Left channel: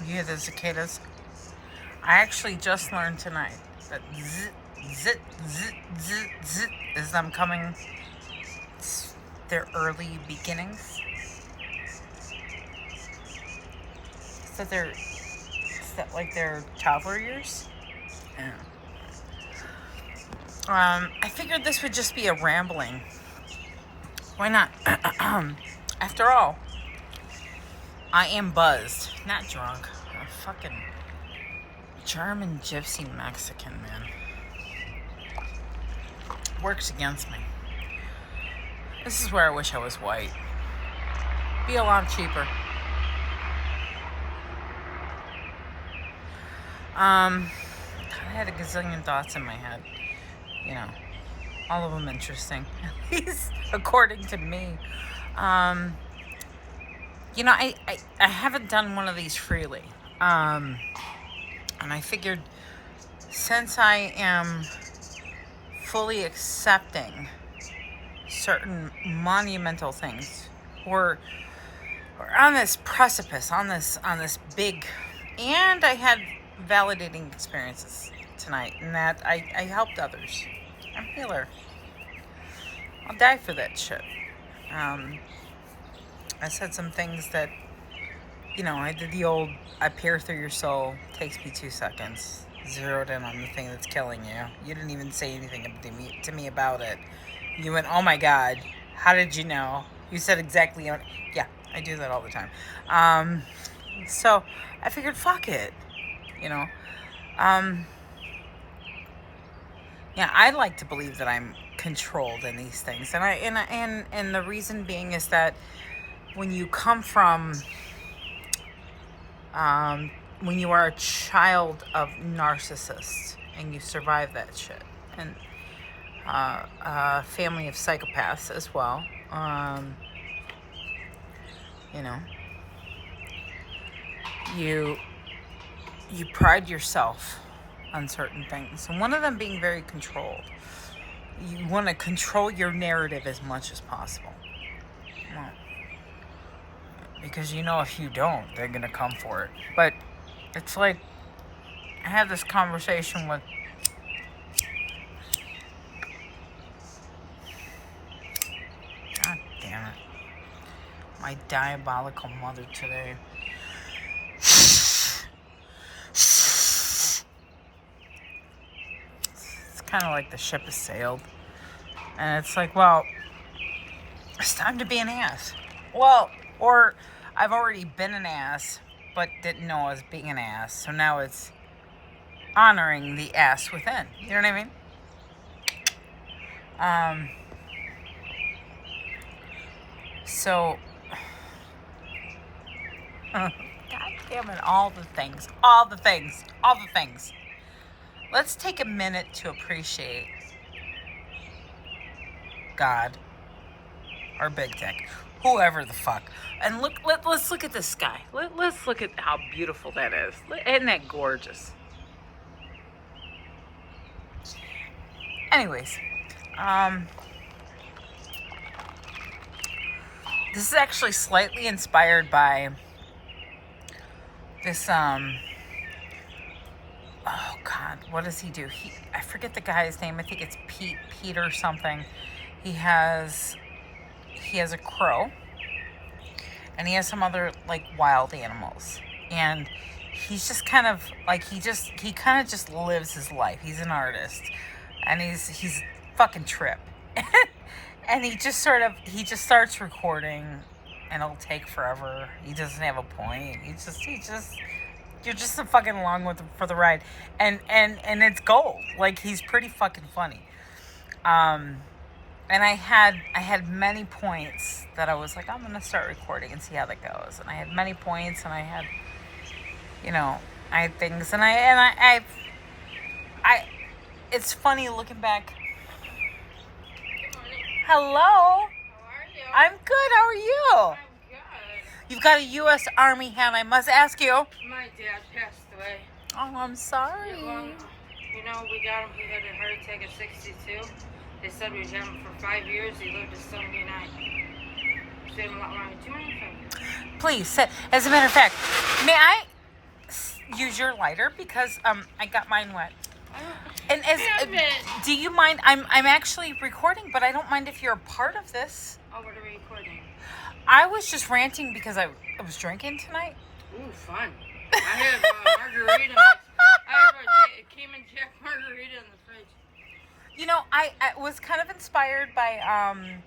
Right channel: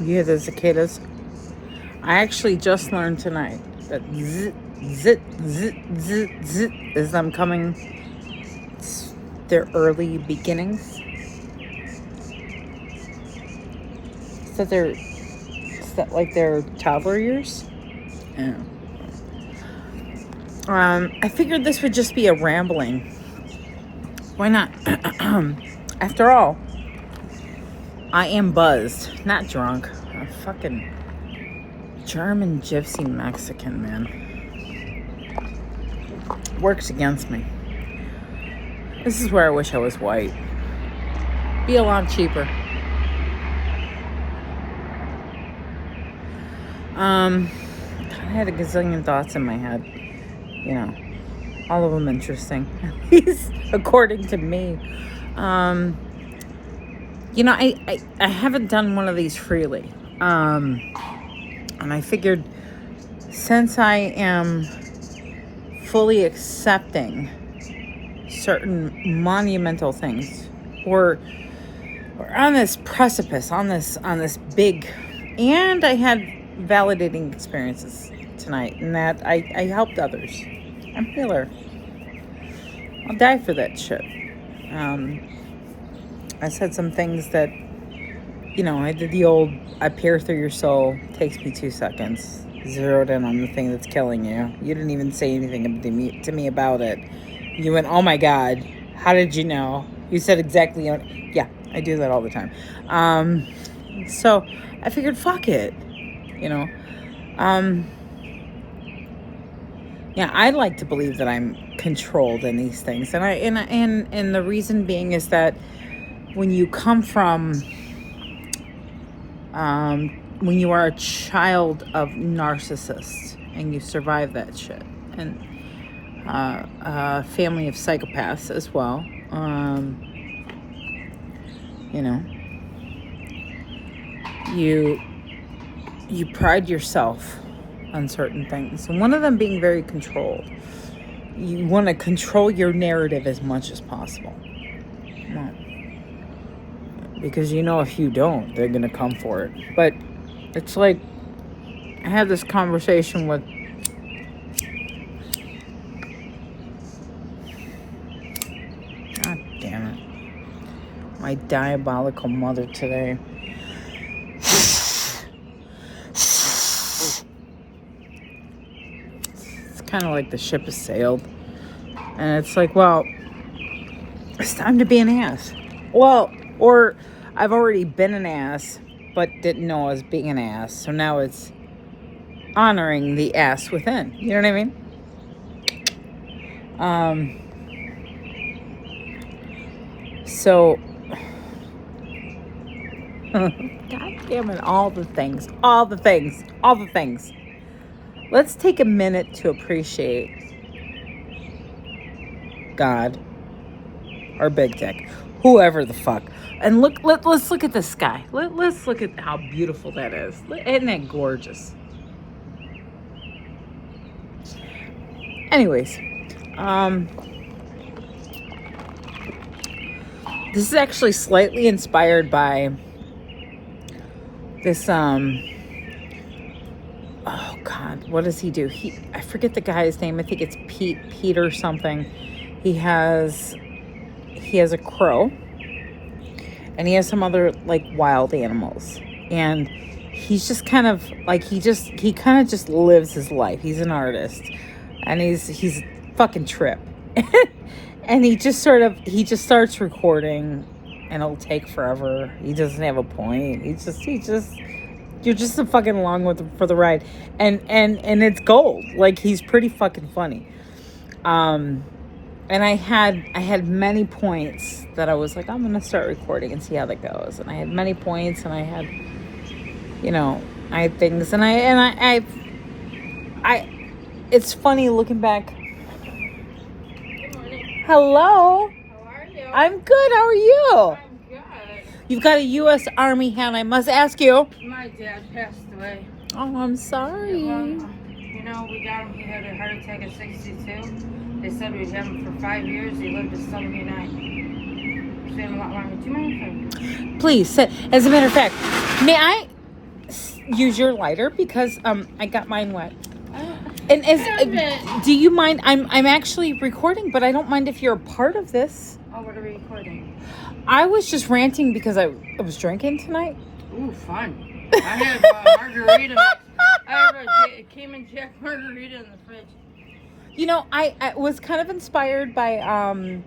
You hear the cicadas? I actually just learned tonight that zit, zit, zit, zit, zit is them coming, their early beginnings. Is that like their toddler years? Yeah. I figured this would just be a rambling. Why not? After all, I am buzzed, not drunk. A fucking German gypsy Mexican, man. Works against me. This is where I wish I was white. Be a lot cheaper. I had a gazillion thoughts in my head. You know, all of them interesting. At least according to me. You know, I haven't done one of these freely. And I figured since I am fully accepting certain monumental things, or on this precipice, on this big, and I had validating experiences tonight, in that I helped others. I'm a healer. I'll die for that shit. I said some things that, you know, I did the old, I peer through your soul, takes me 2 seconds, zeroed in on the thing that's killing you. You didn't even say anything to me about it. You went, oh my God, how did you know? You said exactly, yeah, I do that all the time. So I figured, fuck it, you know. Yeah, I like to believe that I'm controlled in these things, and the reason being is that when you come from, when you are a child of narcissists and you survive that shit, and a family of psychopaths as well, you know, you pride yourself on certain things, and one of them being very controlled. You want to control your narrative as much as possible. Well, because you know if you don't, they're gonna come for it. But it's like, I had this conversation with God damn it, my diabolical mother today. It's kind of like the ship has sailed, and it's like, well, it's time to be an ass. Well, or I've already been an ass, but didn't know I was being an ass. So now it's honoring the ass within. You know what I mean? So, God damn it, all the things. Let's take a minute to appreciate God, or Big Tech, whoever the fuck. And let's look at the sky. Let's look at how beautiful that is. Isn't that gorgeous? Anyways, this is actually slightly inspired by this, oh God, what does he do? I forget the guy's name. I think it's Pete or something. He has a crow, and he has some other like wild animals, and he's just kind of like, he kind of just lives his life. He's an artist, and he's fucking trip. And he just starts recording, and it'll take forever. He doesn't have a point. You're just fucking along for the ride, and it's gold. Like, he's pretty fucking funny. And I had many points that I was like, I'm gonna start recording and see how that goes. And I had many points, and I had, you know, I had things, and I it's funny looking back. Good morning. Hello. How are you? I'm good. How are you? I'm good. You've got a U.S. Army hat. I must ask you. My dad passed away. Oh, I'm sorry. You know, we got him. He had a heart attack at 62. They said we'd have him for 5 years. He lived to 79. He's been a lot longer. Do you mind if I... Please sit. As a matter of fact, may I? use your lighter because I got mine wet. I don't- And as Stop it. do you mind? I'm actually recording, but I don't mind if you're a part of this. Oh, what are we recording? I was just ranting because I was drinking tonight. Ooh, fun. I have margarita. I have a Cayman Jack margarita in the fridge. You know, I was kind of inspired by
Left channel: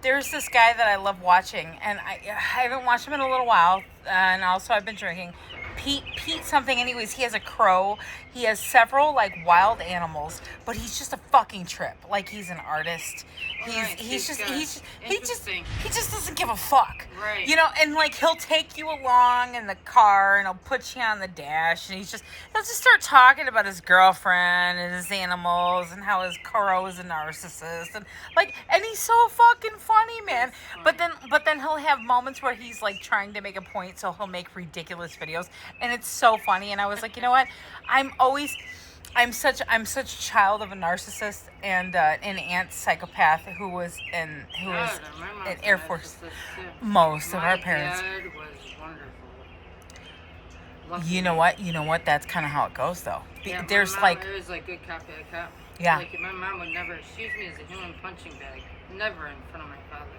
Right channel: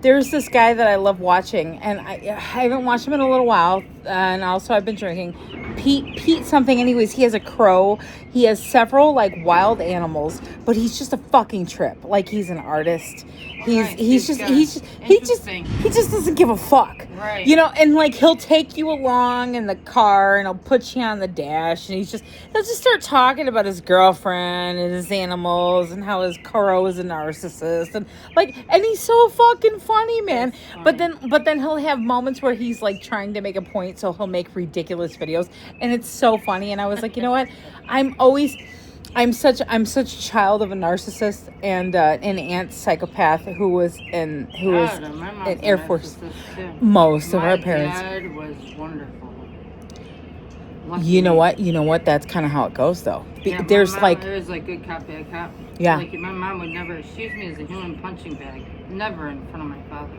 there's this guy that I love watching, and I haven't watched him in a little while, and also I've been drinking. Pete something. Anyways, he has a crow. He has several like wild animals, but he's just a fucking trip. Like he's an artist. He just doesn't give a fuck. Right. You know, and like he'll take you along in the car and he'll put you on the dash, and he'll just start talking about his girlfriend and his animals and how his crow is a narcissist and he's so fucking funny, man. But then he'll have moments where he's like trying to make a point, so he'll make ridiculous videos, and it's so funny. And I was like, you know what? I'm such a child of a narcissist and an aunt psychopath who was in Air Force. Most of our parents. My dad was wonderful. You know what? That's kind of how it goes, though. Yeah, There's my mom, it was like good cop, bad cop. Yeah. Like my mom would never use me as a human punching bag. Never in front of my father.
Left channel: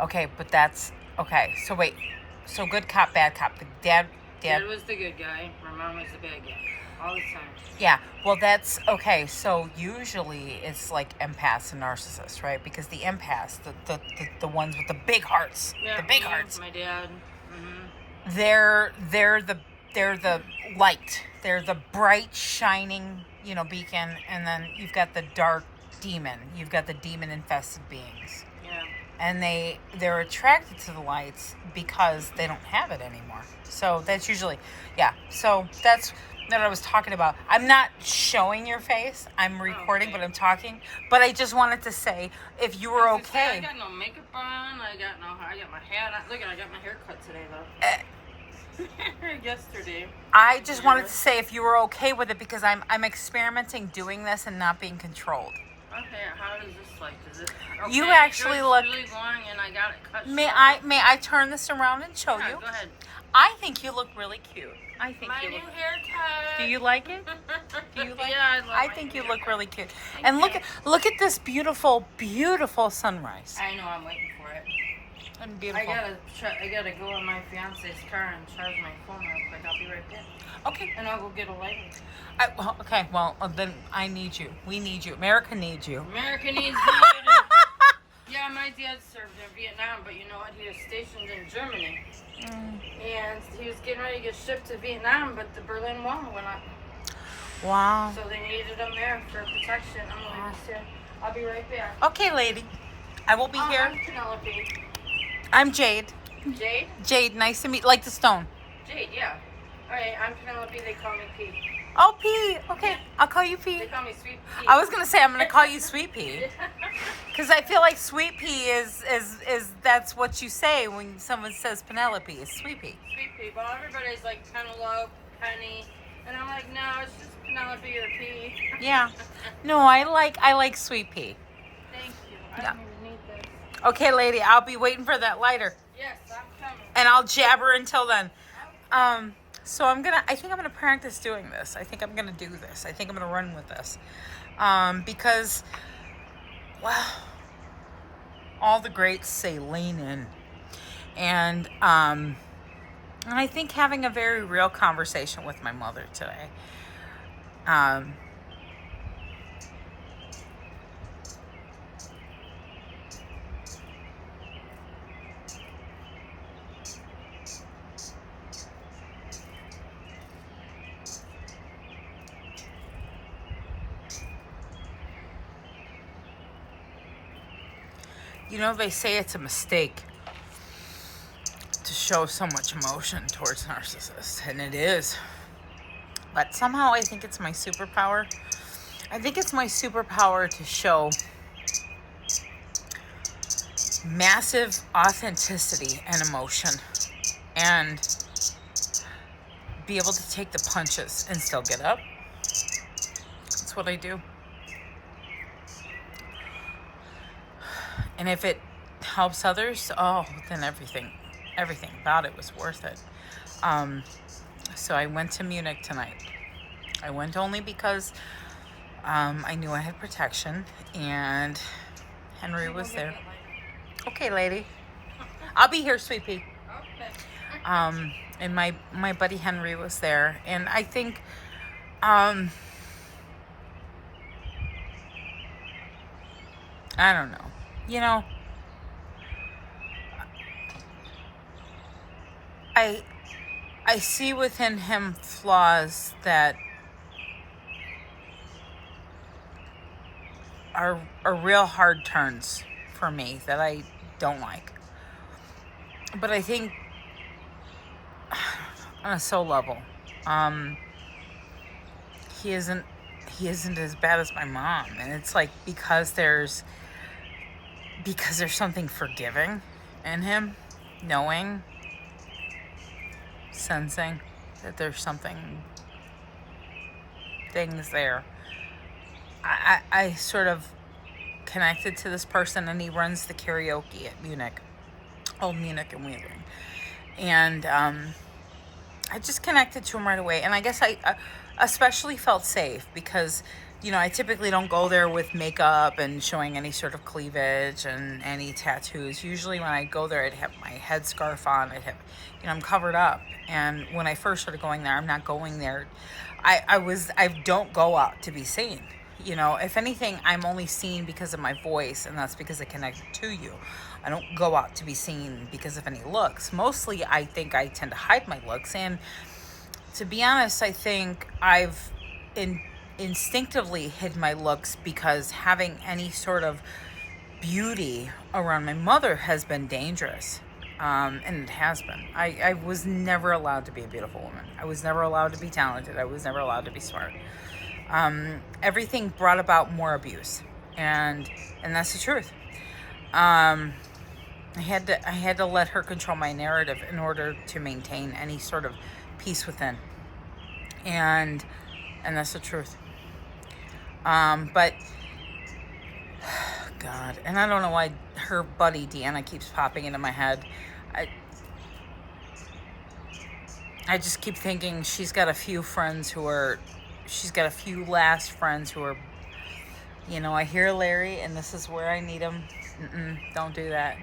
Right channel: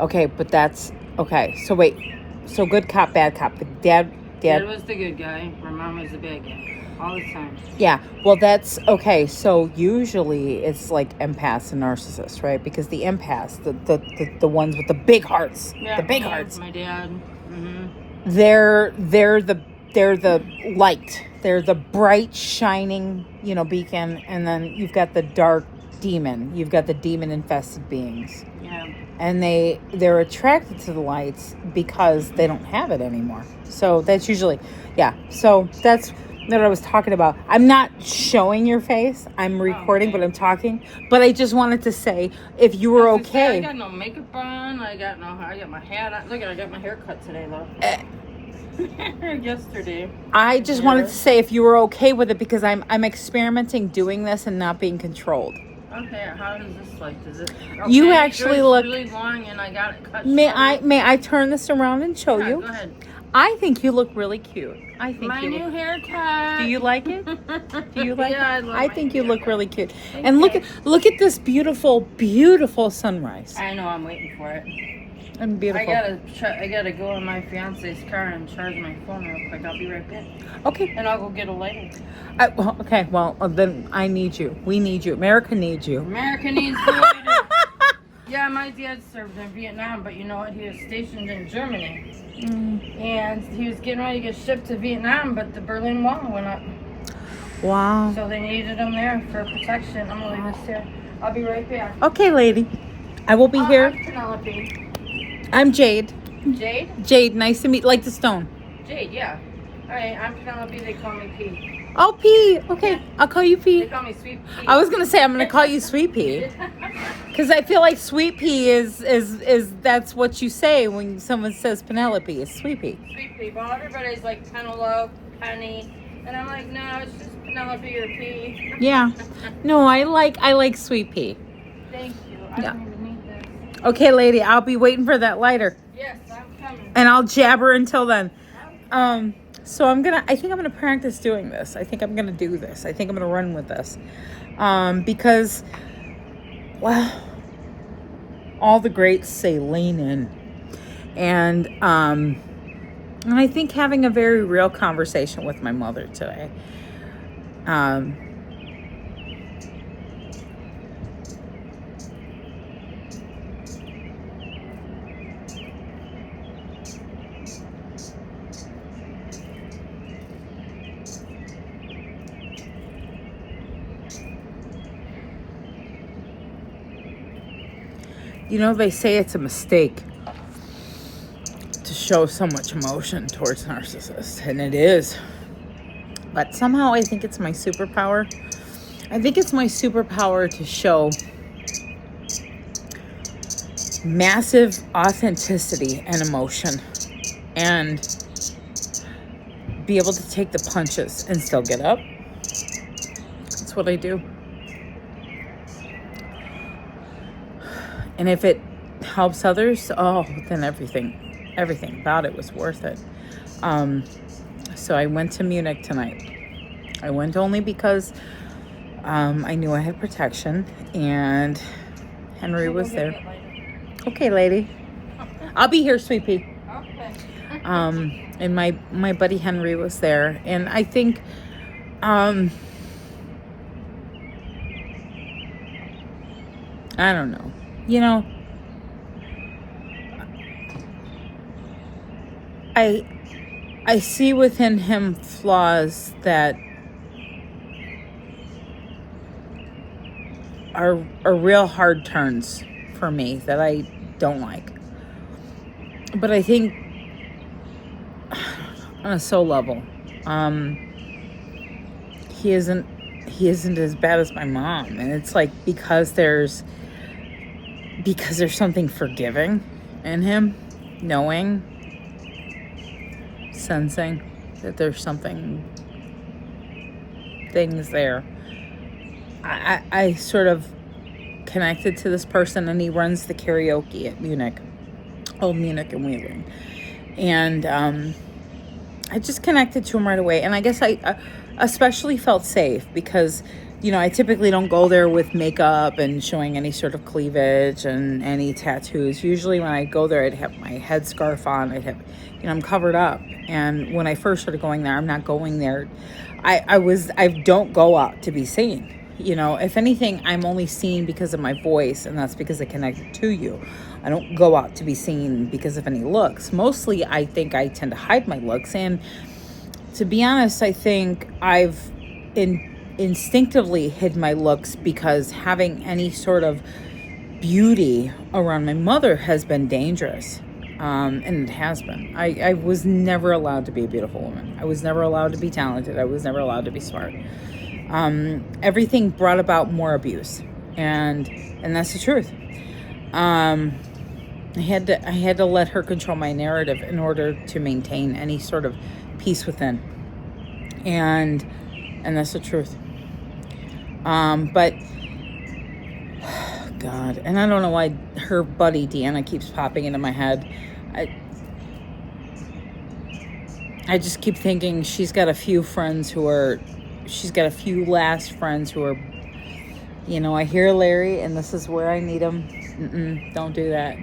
Okay, but that's okay. So wait, so good cop, bad cop. The dad. Dad was the good guy. My mom was the bad guy. All the time. Yeah, well, that's okay. So usually it's like empaths and narcissists, right? Because the empaths, the ones with the big hearts, Yeah, the big yeah, hearts, my dad. Mm-hmm. they're the light. They're the bright, shining, beacon, and then you've got the dark demon. You've got the demon-infested beings. Yeah. And they're attracted to the lights because they don't have it anymore. So that's usually, yeah. So that's what I was talking about. I'm not showing your face. I'm recording, okay. But I'm talking. But I just wanted to say, if you were okay. I got no makeup on. I got my hat on. Look, I got my hair cut today, though. Yesterday. I just wanted to say if you were okay with it because I'm experimenting doing this and not being controlled. Okay, how does this like? Does it? Okay, You actually look really long, and I got it cut. May short. I turn this around and show you? Go ahead. I think you look really cute. I think My you new look. haircut. Do you like it? Do you like Yeah, it? I think you look really cute. Thank And you. look at this beautiful sunrise. I know. I'm waiting for it. And beautiful. I gotta go in my fiance's car and charge my phone real quick. I'll be right back. Okay. And I'll go get a lighter. Okay. Well, then I need you. We need you. America needs you. America needs the lighter. Yeah, my dad served in Vietnam, but you know what? He was stationed in Germany. And he was getting ready to get shipped to Vietnam, but the Berlin Wall went up. Wow. So they needed him there for protection. I'm gonna leave this here. I'll be right back. Okay, lady. I will be here. I'm Penelope. I'm Jade. Jade? Jade, nice to meet. Like the stone. Jade, yeah. Alright, I'm Penelope. They call me P. Oh, P. Okay, I'll call you They P. call me Sweet P. I was gonna say I'm gonna call you Sweet Pea. Because I feel like Sweet Pea is that's what you say when someone says Penelope is Sweet Pea. Sweet Pea. Well, everybody's like Penelope, Penny, and I'm like, no, it's just Penelope or P. Yeah. No, I like Sweet Pea. Thank you. I Yeah. don't even need that. Okay, lady, I'll be waiting for that lighter, Yes, I'm coming. and I'll jabber until then. So I think I'm gonna practice doing this. I think I'm gonna do this. I think I'm gonna run with this, because, well, all the greats say lean in, and I think having a very real conversation with my mother today. You know, they say it's a mistake to show so much emotion towards narcissists, and it is. But somehow I think it's my superpower. I think it's my superpower to show massive authenticity and emotion and be able to take the punches and still get up. That's what I do. And if it helps others, oh, then everything about it was worth it. So I went to Munich tonight. I went only because I knew I had protection, and Henry was there. Okay, lady. I'll be here, sweet pea. Okay. And my buddy Henry was there, and I think I don't know. You know, I see within him flaws that are real hard turns for me that I don't like. But I think on a soul level, he isn't as bad as my mom, and it's like because there's something forgiving in him, knowing, sensing that there's things there. I sort of connected to this person, and he runs the karaoke at Munich, Old Munich and Wheeling, and I just connected to him right away. And I guess I especially felt safe because, you know, I typically don't go there with makeup and showing any sort of cleavage and any tattoos. Usually when I go there, I'd have my headscarf on. I'd have, you know, I'm covered up. And when I first started going there, I'm not going there. I don't go out to be seen. You know, if anything, I'm only seen because of my voice, and that's because I connected to you. I don't go out to be seen because of any looks. Mostly, I think I tend to hide my looks. And to be honest, I think I've instinctively hid my looks because having any sort of beauty around my mother has been dangerous. And it has been. I was never allowed to be a beautiful woman. I was never allowed to be talented. I was never allowed to be smart. Everything brought about more abuse, and that's the truth. I had to let her control my narrative in order to maintain any sort of peace within, and that's the truth. But God, and I don't know why her buddy Deanna keeps popping into my head. I just keep thinking she's got a few last friends who are, you know, I hear Larry and this is where I need him. Don't do that.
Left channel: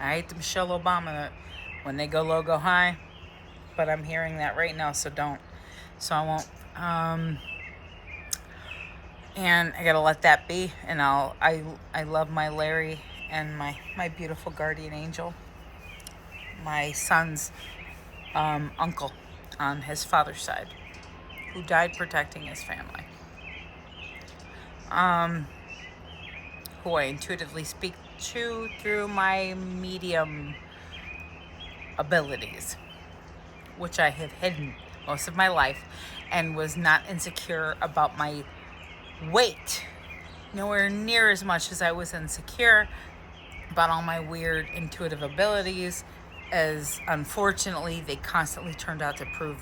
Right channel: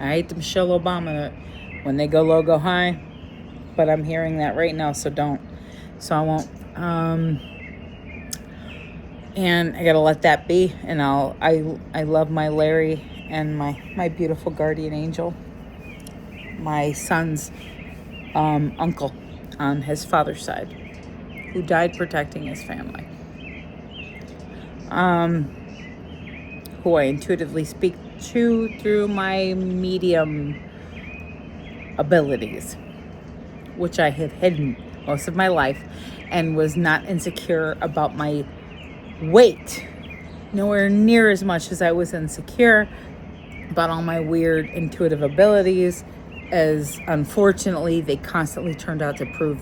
I hate the Michelle Obama, when they go low, go high, but I'm hearing that right now, so don't. So I won't. And I gotta let that be, and I love my Larry and my beautiful guardian angel, my son's uncle on his father's side, who died protecting his family, who I intuitively speak to through my medium abilities, which I have hidden most of my life and was not insecure about my weight, nowhere near as much as I was insecure about all my weird intuitive abilities, as unfortunately they constantly turned out to prove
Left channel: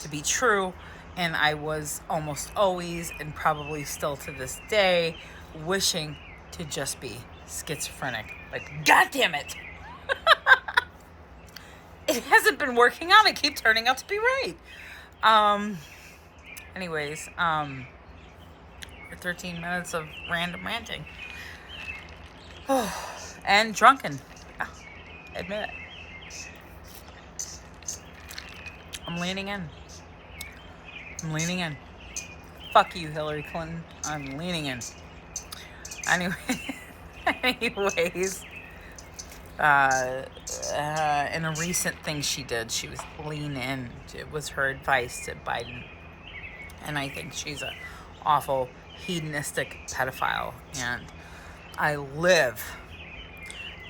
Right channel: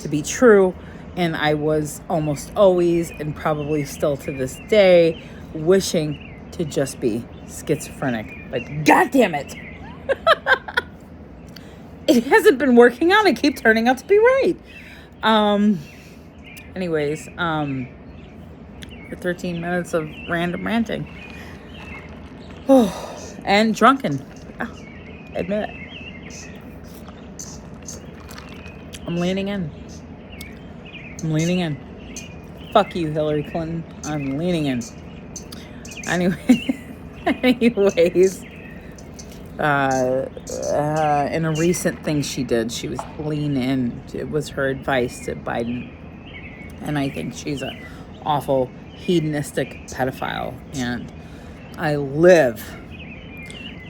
to be true. And I was almost always, and probably still to this day, wishing to just be schizophrenic. Like, God damn it. It hasn't been working out. I keep turning out to be right. Anyways, for 13 minutes of random ranting. And drunken. Yeah, admit it. I'm leaning in. Fuck you, Hillary Clinton. I'm leaning in. Anyways, in a recent thing she did, she was lean in. It was her advice to Biden. And I think she's an awful hedonistic pedophile. And I live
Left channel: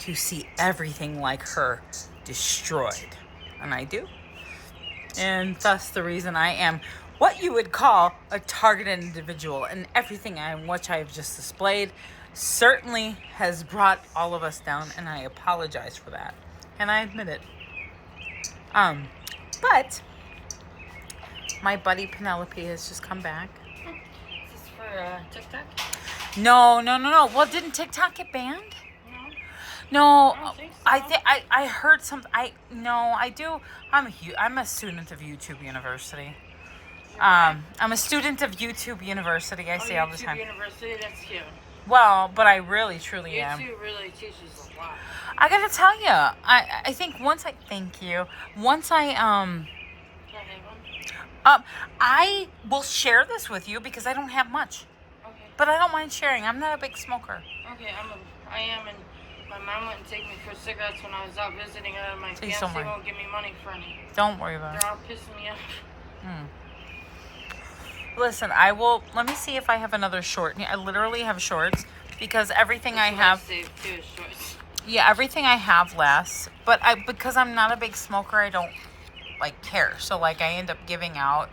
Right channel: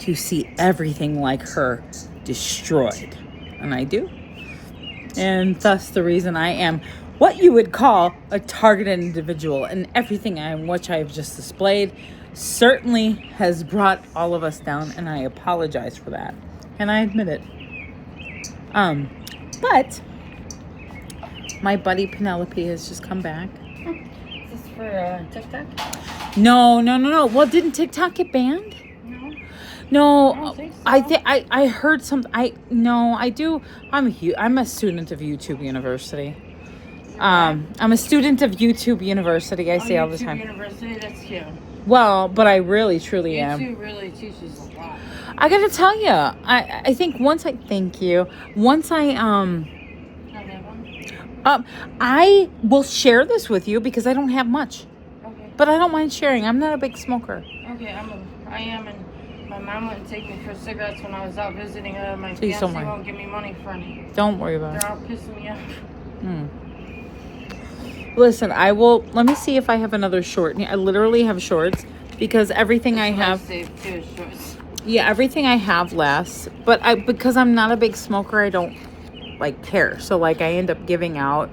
to see everything like her destroyed. And I do. And thus the reason I am what you would call a targeted individual, and everything which I have just displayed certainly has brought all of us down, and I apologize for that, and I admit it. But my buddy Penelope has just come back. Is this for TikTok? No. Well, didn't TikTok get banned? No, I don't think so. I heard some. I do. I'm a student of YouTube University. I'm a student of YouTube University. I say all the YouTube time. University, that's cute. Well, but I really truly am. YouTube really teaches a lot. I gotta tell you, I think once I thank you. Once Can I have one? I will share this with you because I don't have much, Okay. but I don't mind sharing. I'm not a big smoker. Okay, I am, and my mom wouldn't take me for cigarettes when I was out visiting her. My Please don't fiance mind. won't give me money for any. Don't worry about it. They're all pissing me off. Hmm. Listen, I will. Let me see if I have another short. I literally have shorts because everything I have. Saved too, shorts. Yeah, everything I have lasts. But because I'm not a big smoker, I don't like care. So like I end up giving out.